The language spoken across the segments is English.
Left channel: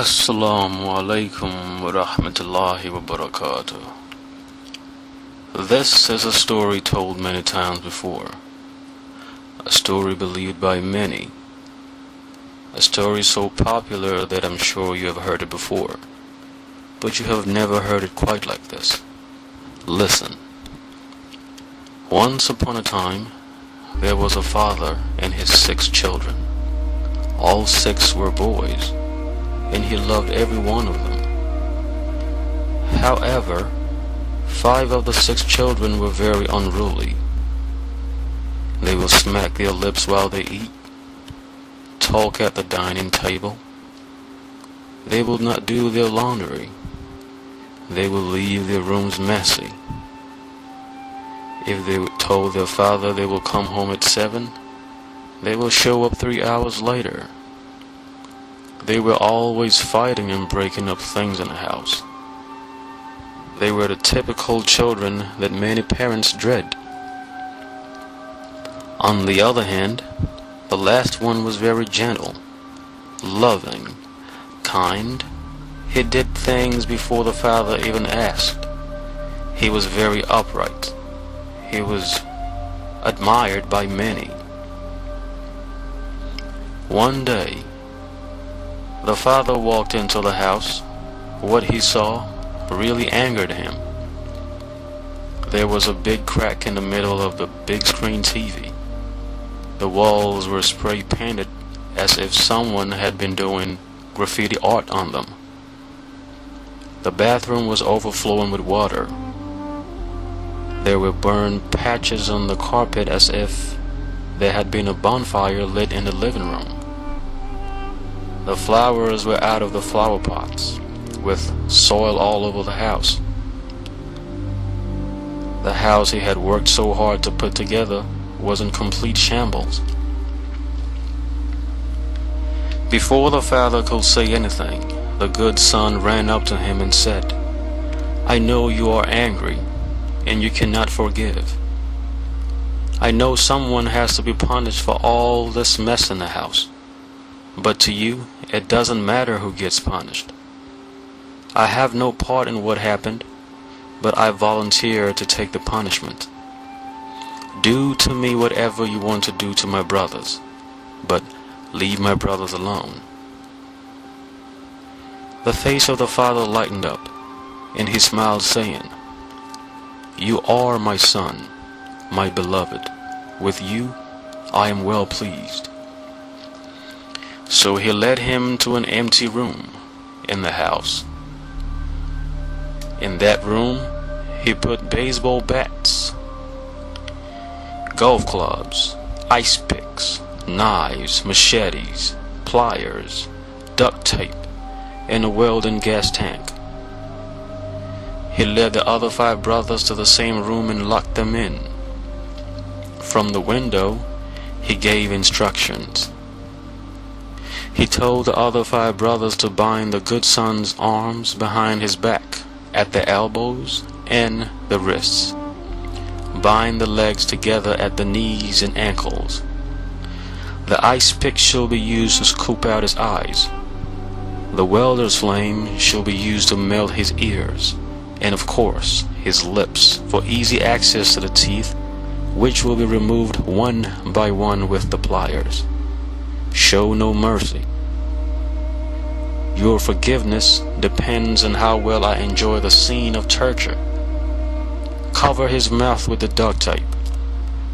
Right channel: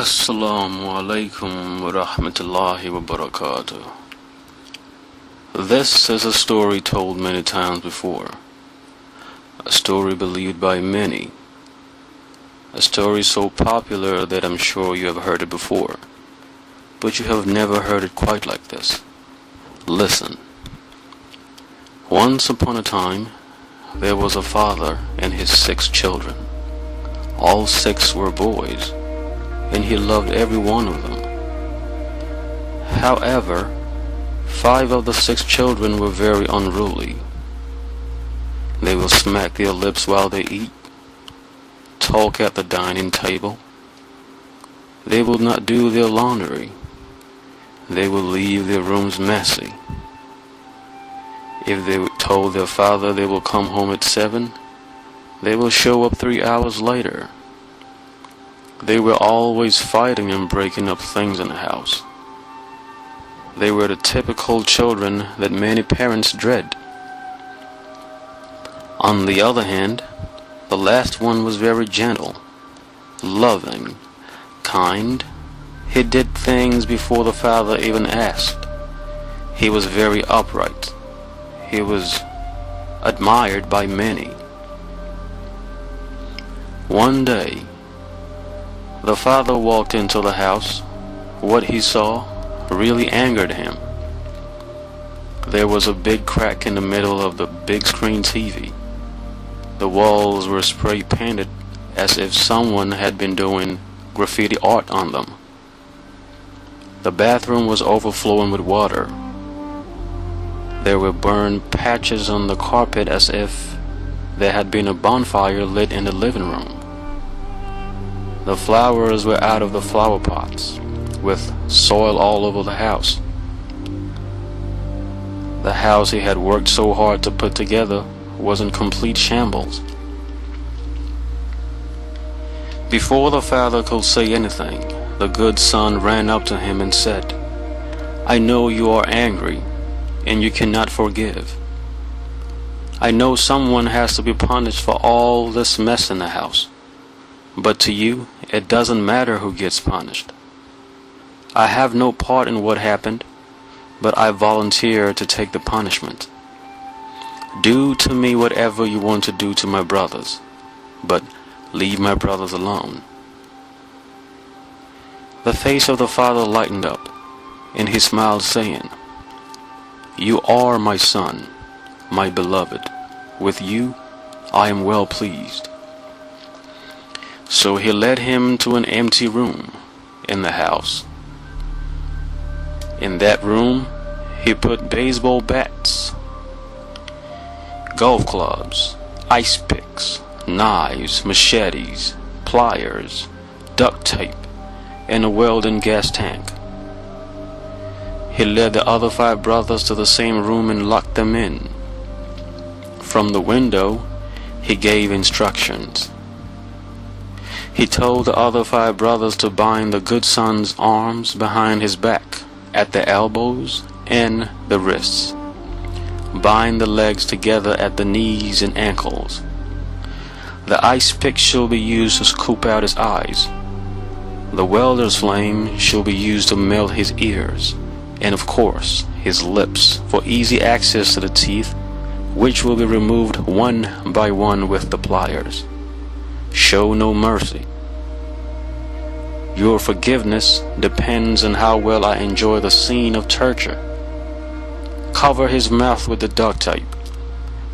Assalamu alaikum wa rahmatullahi wa barakatuh. This is a story told many times before, a story believed by many, a story so popular that I'm sure you have heard it before, but you have never heard it quite like this. Listen. Once upon a time, there was a father and his 6 children. All 6 were boys, and he loved every one of them. However, 5 of the 6 children were very unruly. They will smack their lips while they eat, talk at the dining table. They will not do their laundry. They will leave their rooms messy. If they told their father they will come home at 7, they will show up 3 hours later. They were always fighting and breaking up things in the house. They were the typical children that many parents dread. On the other hand, the last one was very gentle, loving, kind. He did things before the father even asked. He was very upright. He was admired by many. One day, the father walked into the house. What he saw really angered him. There was a big crack in the middle of the big screen TV. The walls were spray painted as if someone had been doing graffiti art on them. The bathroom was overflowing with water. There were burned patches on the carpet as if there had been a bonfire lit in the living room. The flowers were out of the flower pots, with soil all over the house. The house he had worked so hard to put together was in complete shambles. Before the father could say anything, the good son ran up to him and said, "I know you are angry, and you cannot forgive. I know someone has to be punished for all this mess in the house. But to you, it doesn't matter who gets punished. I have no part in what happened, but I volunteer to take the punishment. Do to me whatever you want to do to my brothers, but leave my brothers alone." The face of the father lightened up, and he smiled, saying, "You are my son, my beloved. With you, I am well pleased." So he led him to an empty room in the house. In that room, he put baseball bats, golf clubs, ice picks, knives, machetes, pliers, duct tape, and a welding gas tank. He led the other 5 brothers to the same room and locked them in. From the window, he gave instructions. He told the other 5 brothers to bind the good son's arms behind his back, at the elbows and the wrists. Bind the legs together at the knees and ankles. The ice pick shall be used to scoop out his eyes. The welder's flame shall be used to melt his ears, and of course his lips, for easy access to the teeth, which will be removed one by one with the pliers. Show no mercy. Your forgiveness depends on how well I enjoy the scene of torture. Cover his mouth with the duct tape,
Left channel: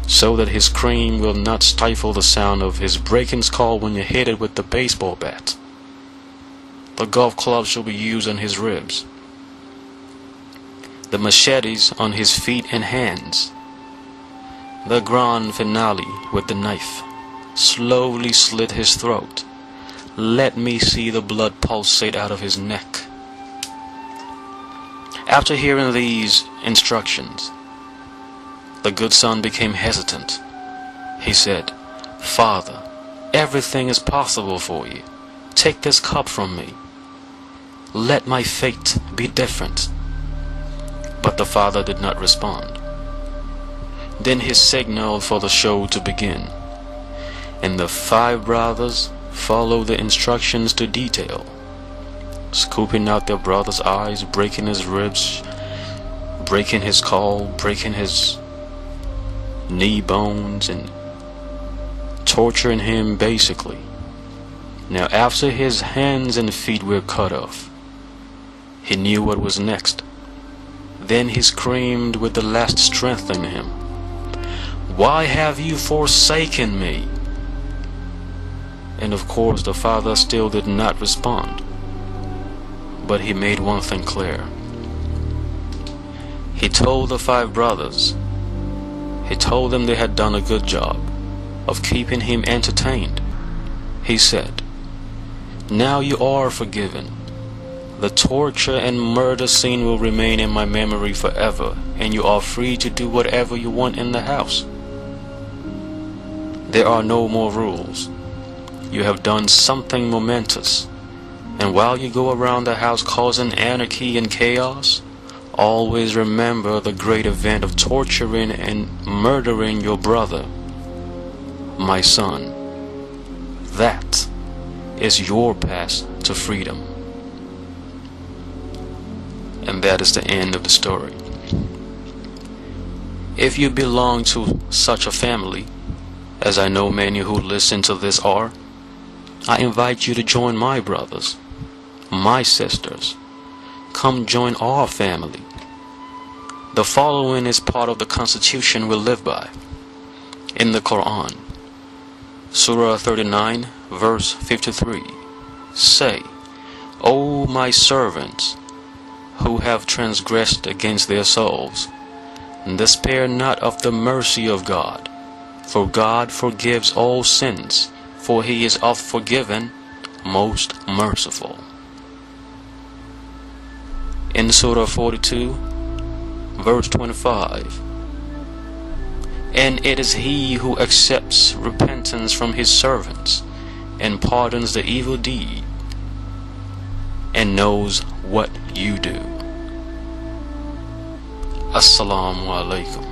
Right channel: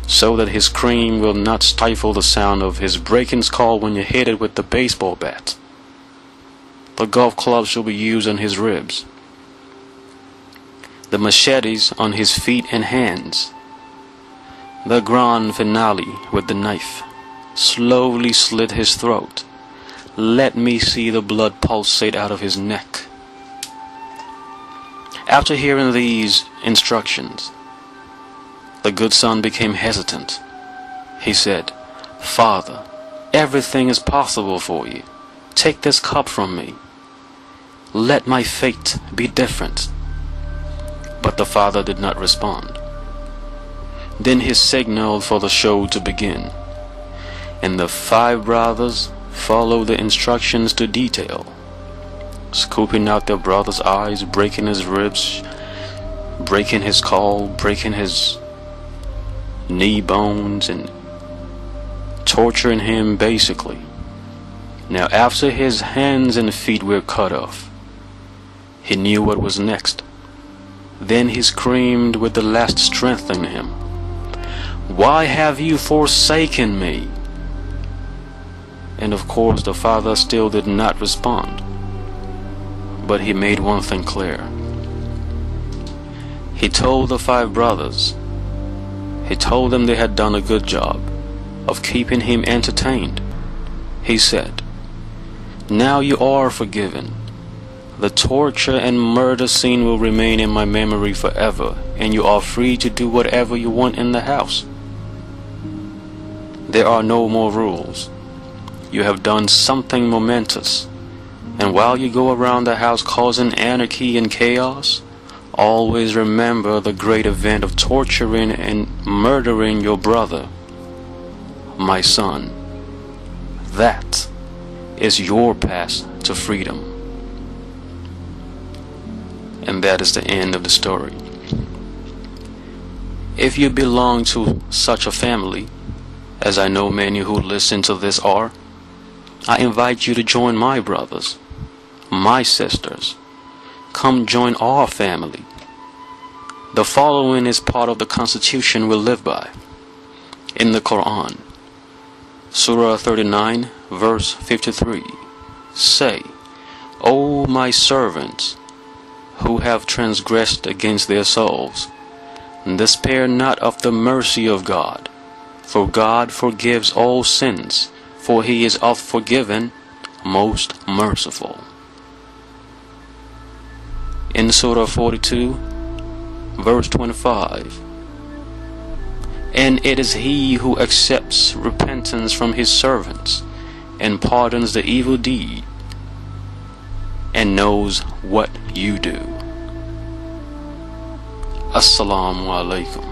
so that his scream will not stifle the sound of his breaking skull when you hit it with the baseball bat. The golf clubs shall be used on his ribs, the machetes on his feet and hands. The grand finale with the knife. Slowly slit his throat. Let me see the blood pulsate out of his neck. After hearing these instructions, the good son became hesitant. He said, "Father, everything is possible for you. Take this cup from me. Let my fate be different." But the father did not respond. Then he signaled for the show to begin, and the 5 brothers followed the instructions to detail. scooping out their brother's eyes, breaking his ribs, breaking his skull, breaking his knee bones, and torturing him basically. Now after his hands and feet were cut off, he knew what was next. Then he screamed with the last strength in him, "Why have you forsaken me?" And of course the father still did not respond. But he made one thing clear. He told the 5 brothers, he told them they had done a good job of keeping him entertained. He said, "Now you are forgiven. The torture and murder scene will remain in my memory forever, and you are free to do whatever you want in the house. There are no more rules. You have done something momentous, and while you go around the house causing anarchy and chaos, always remember the great event of torturing and murdering your brother, my son. That is your path to freedom." And that is the end of the story. If you belong to such a family, as I know many who listen to this are, I invite you to join my brothers, my sisters. Come join our family. The following is part of the constitution we live by. In the Quran, Surah 39, verse 53, say, "O my servants, who have transgressed against their souls, despair not of the mercy of God, for God forgives all sins, for he is oft forgiven, most merciful." In Surah 42, verse 25, "And it is he who accepts repentance from his servants, and pardons the evil deed, and knows what you do." Assalamu alaikum.